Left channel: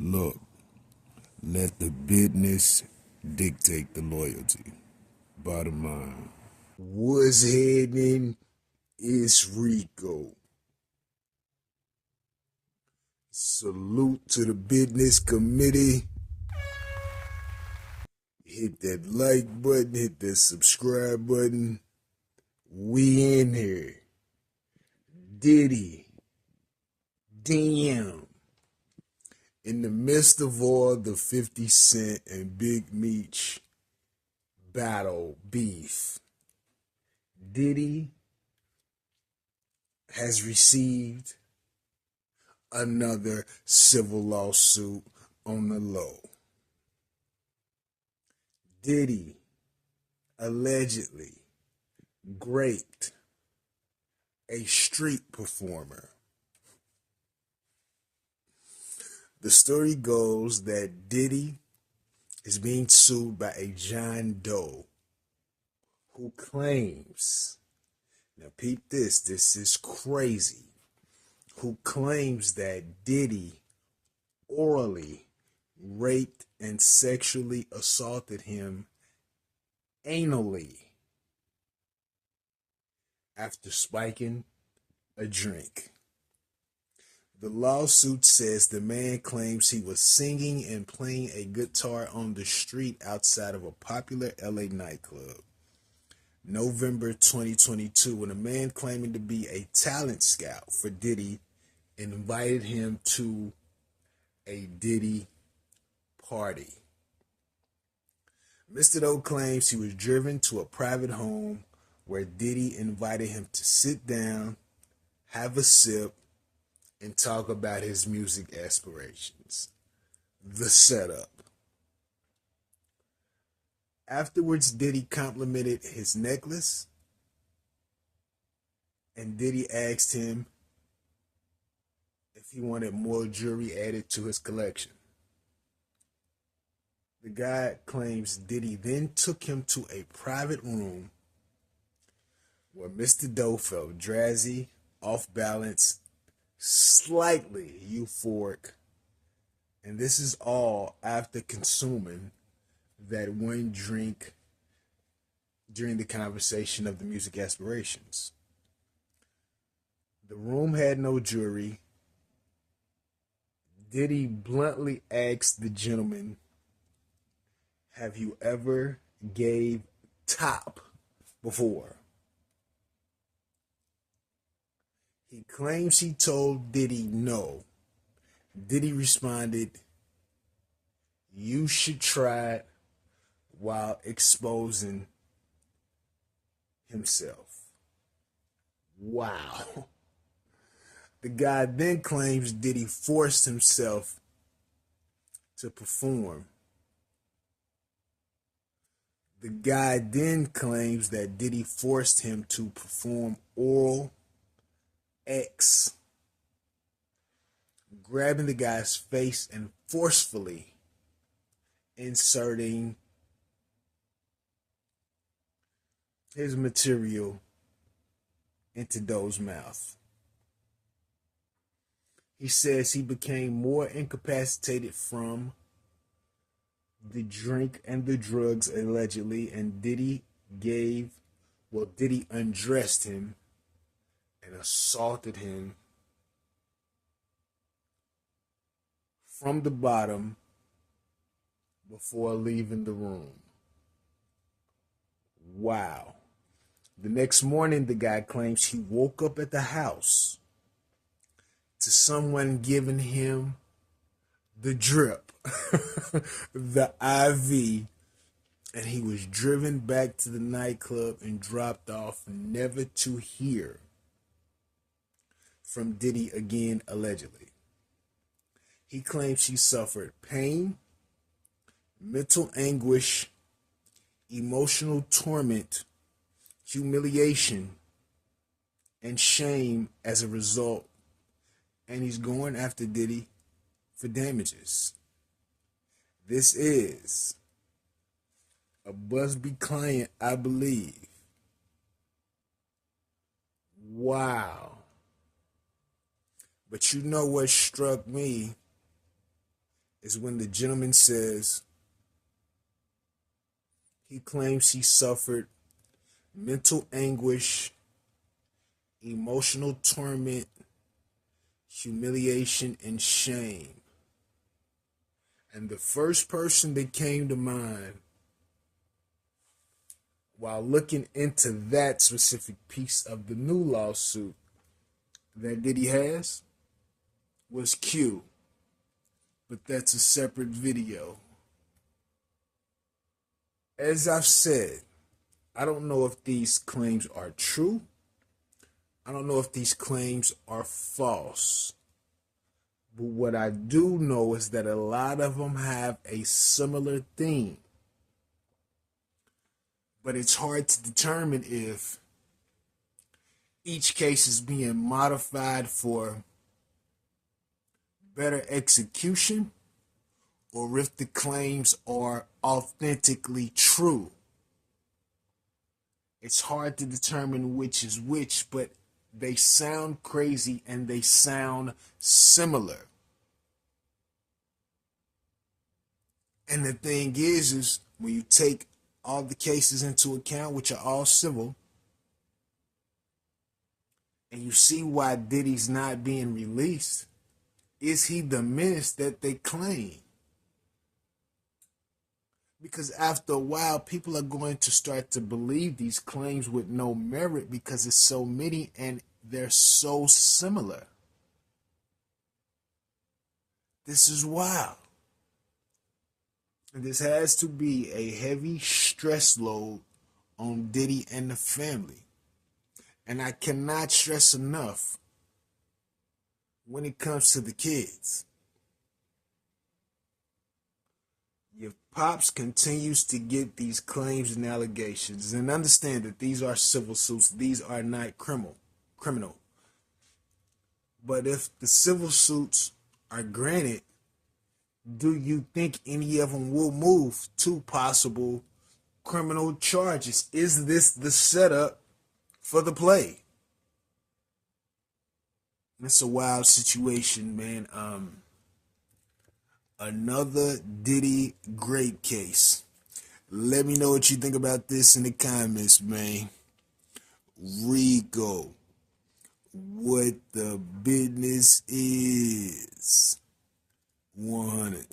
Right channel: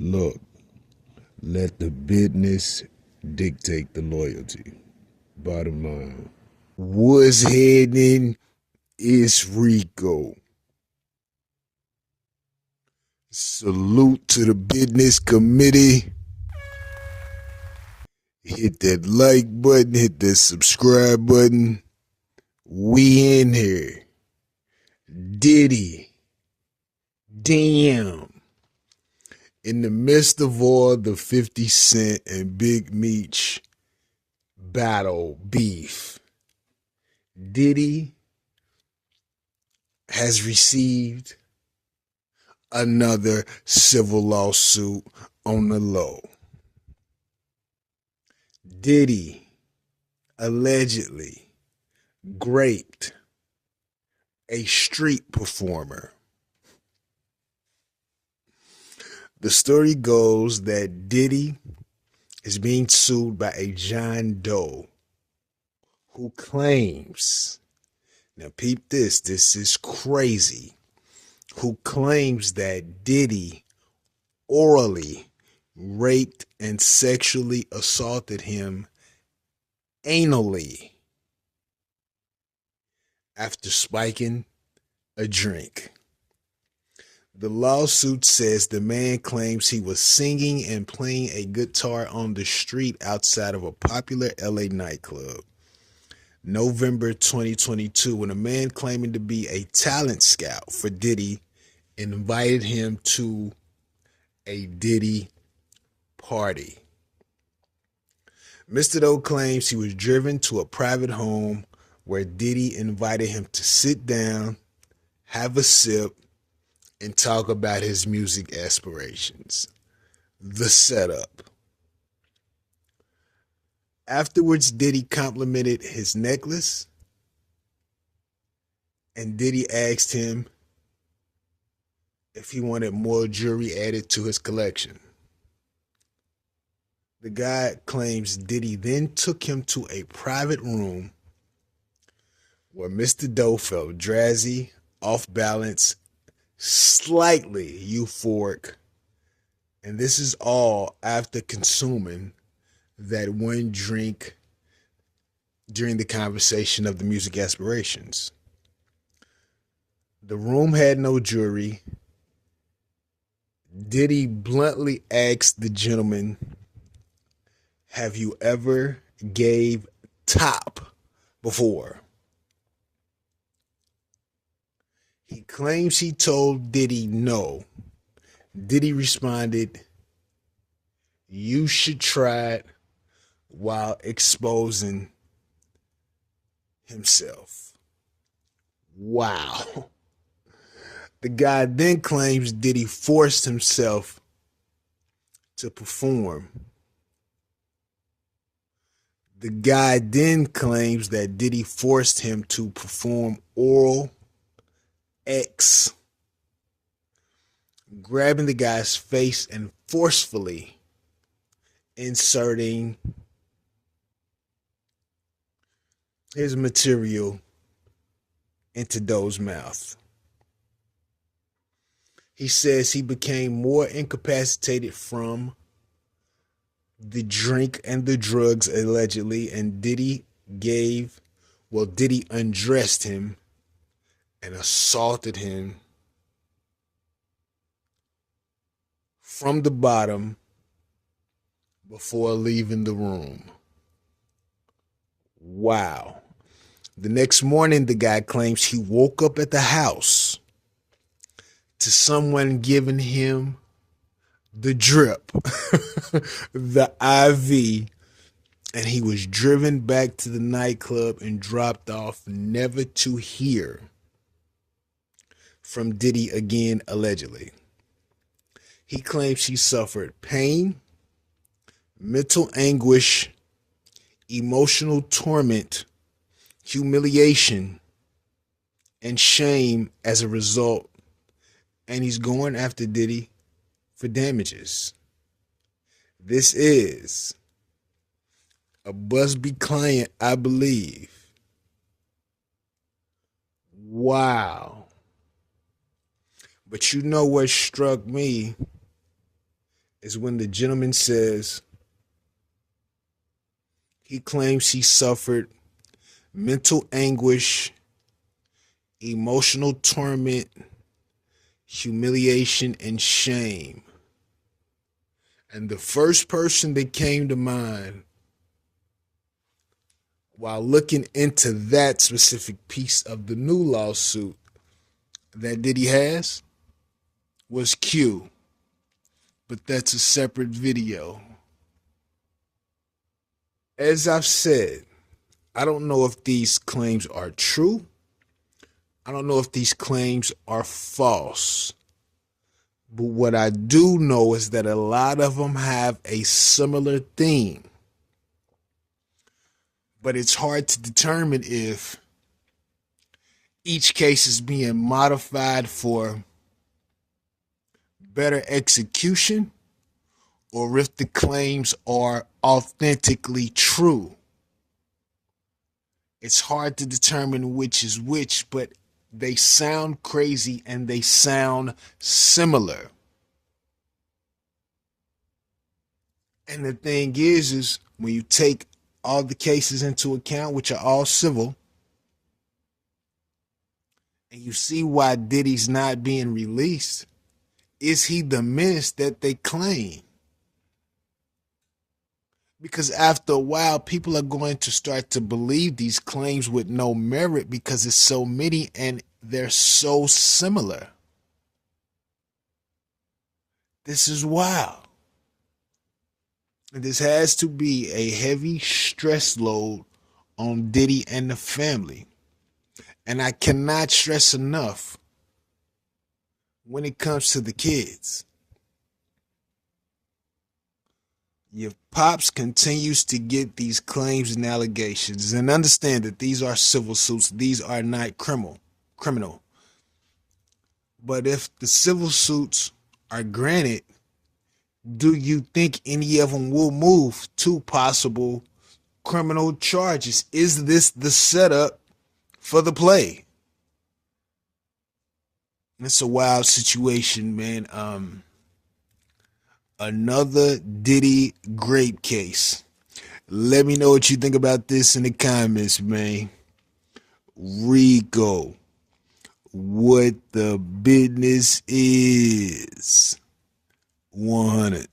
Look, let the business dictate the loyalty. Bottom line. What's happening? It's Rico. Salute to the business committee. Hit that like button, hit that subscribe button. We in here. Diddy. Damn. In the midst of all the 50 Cent and Big Meech battle beef, Diddy has received another civil lawsuit on the low. Diddy allegedly raped a street performer. The story goes that Diddy is being sued by a John Doe who claims, now peep this is crazy, who claims that Diddy orally raped and sexually assaulted him anally after spiking a drink. The lawsuit says the man claims he was singing and playing a guitar on the street outside of a popular LA nightclub. November 2022, when a man claiming to be a talent scout for Diddy invited him to a Diddy party. Mr. Doe claims he was driven to a private home where Diddy invited him to sit down, have a sip, and talk about his music aspirations. The setup. Afterwards, Diddy complimented his necklace, and Diddy asked him if he wanted more jewelry added to his collection. The guy claims Diddy then took him to a private room where Mr. Doe felt drowsy, off balance, slightly euphoric, and this is all after consuming that one drink during the conversation of the music aspirations. The room had no jewelry. Diddy bluntly asked the gentleman, "Have you ever gave top before?" He claims he told Diddy no. Diddy responded, "You should try it," while exposing himself. Wow. The guy then claims Diddy forced himself to perform. The guy then claims that Diddy forced him to perform oral X, grabbing the guy's face and forcefully inserting his material into Doe's mouth. He says he became more incapacitated from the drink and the drugs allegedly, and Diddy undressed him and assaulted him from the bottom before leaving the room. Wow. The next morning, the guy claims he woke up at the house to someone giving him the drip, the IV, and he was driven back to the nightclub and dropped off, never to hear from Diddy again, allegedly. He claims he suffered pain, mental anguish, emotional torment, humiliation, and shame as a result, and he's going after Diddy for damages. This is a Busby client, I believe. Wow. But you know what struck me is when the gentleman says he claims he suffered mental anguish, emotional torment, humiliation, and shame. And the first person that came to mind while looking into that specific piece of the new lawsuit that Diddy has was Q. But that's a separate video. As I've said, I don't know if these claims are true. I don't know if these claims are false. But what I do know is that a lot of them have a similar theme. But it's hard to determine if each case is being modified for better execution or if the claims are authentically true. It's hard to determine which is which, but they sound crazy and they sound similar. And the thing is when you take all the cases into account, which are all civil, and you see why Diddy's not being released, is he the menace that they claim? Because after a while, people are going to start to believe these claims with no merit because it's so many and they're so similar. This is wild. And this has to be a heavy stress load on Diddy and the family. And I cannot stress enough when it comes to the kids. Your pops continues to get these claims and allegations, and understand that these are civil suits. These are not criminal. But if the civil suits are granted, do you think any of them will move to possible criminal charges? Is this the setup for the play? It's a wild situation, man. Another Diddy grape case. Let me know what you think about this in the comments, man. Rico, what the business is. 100.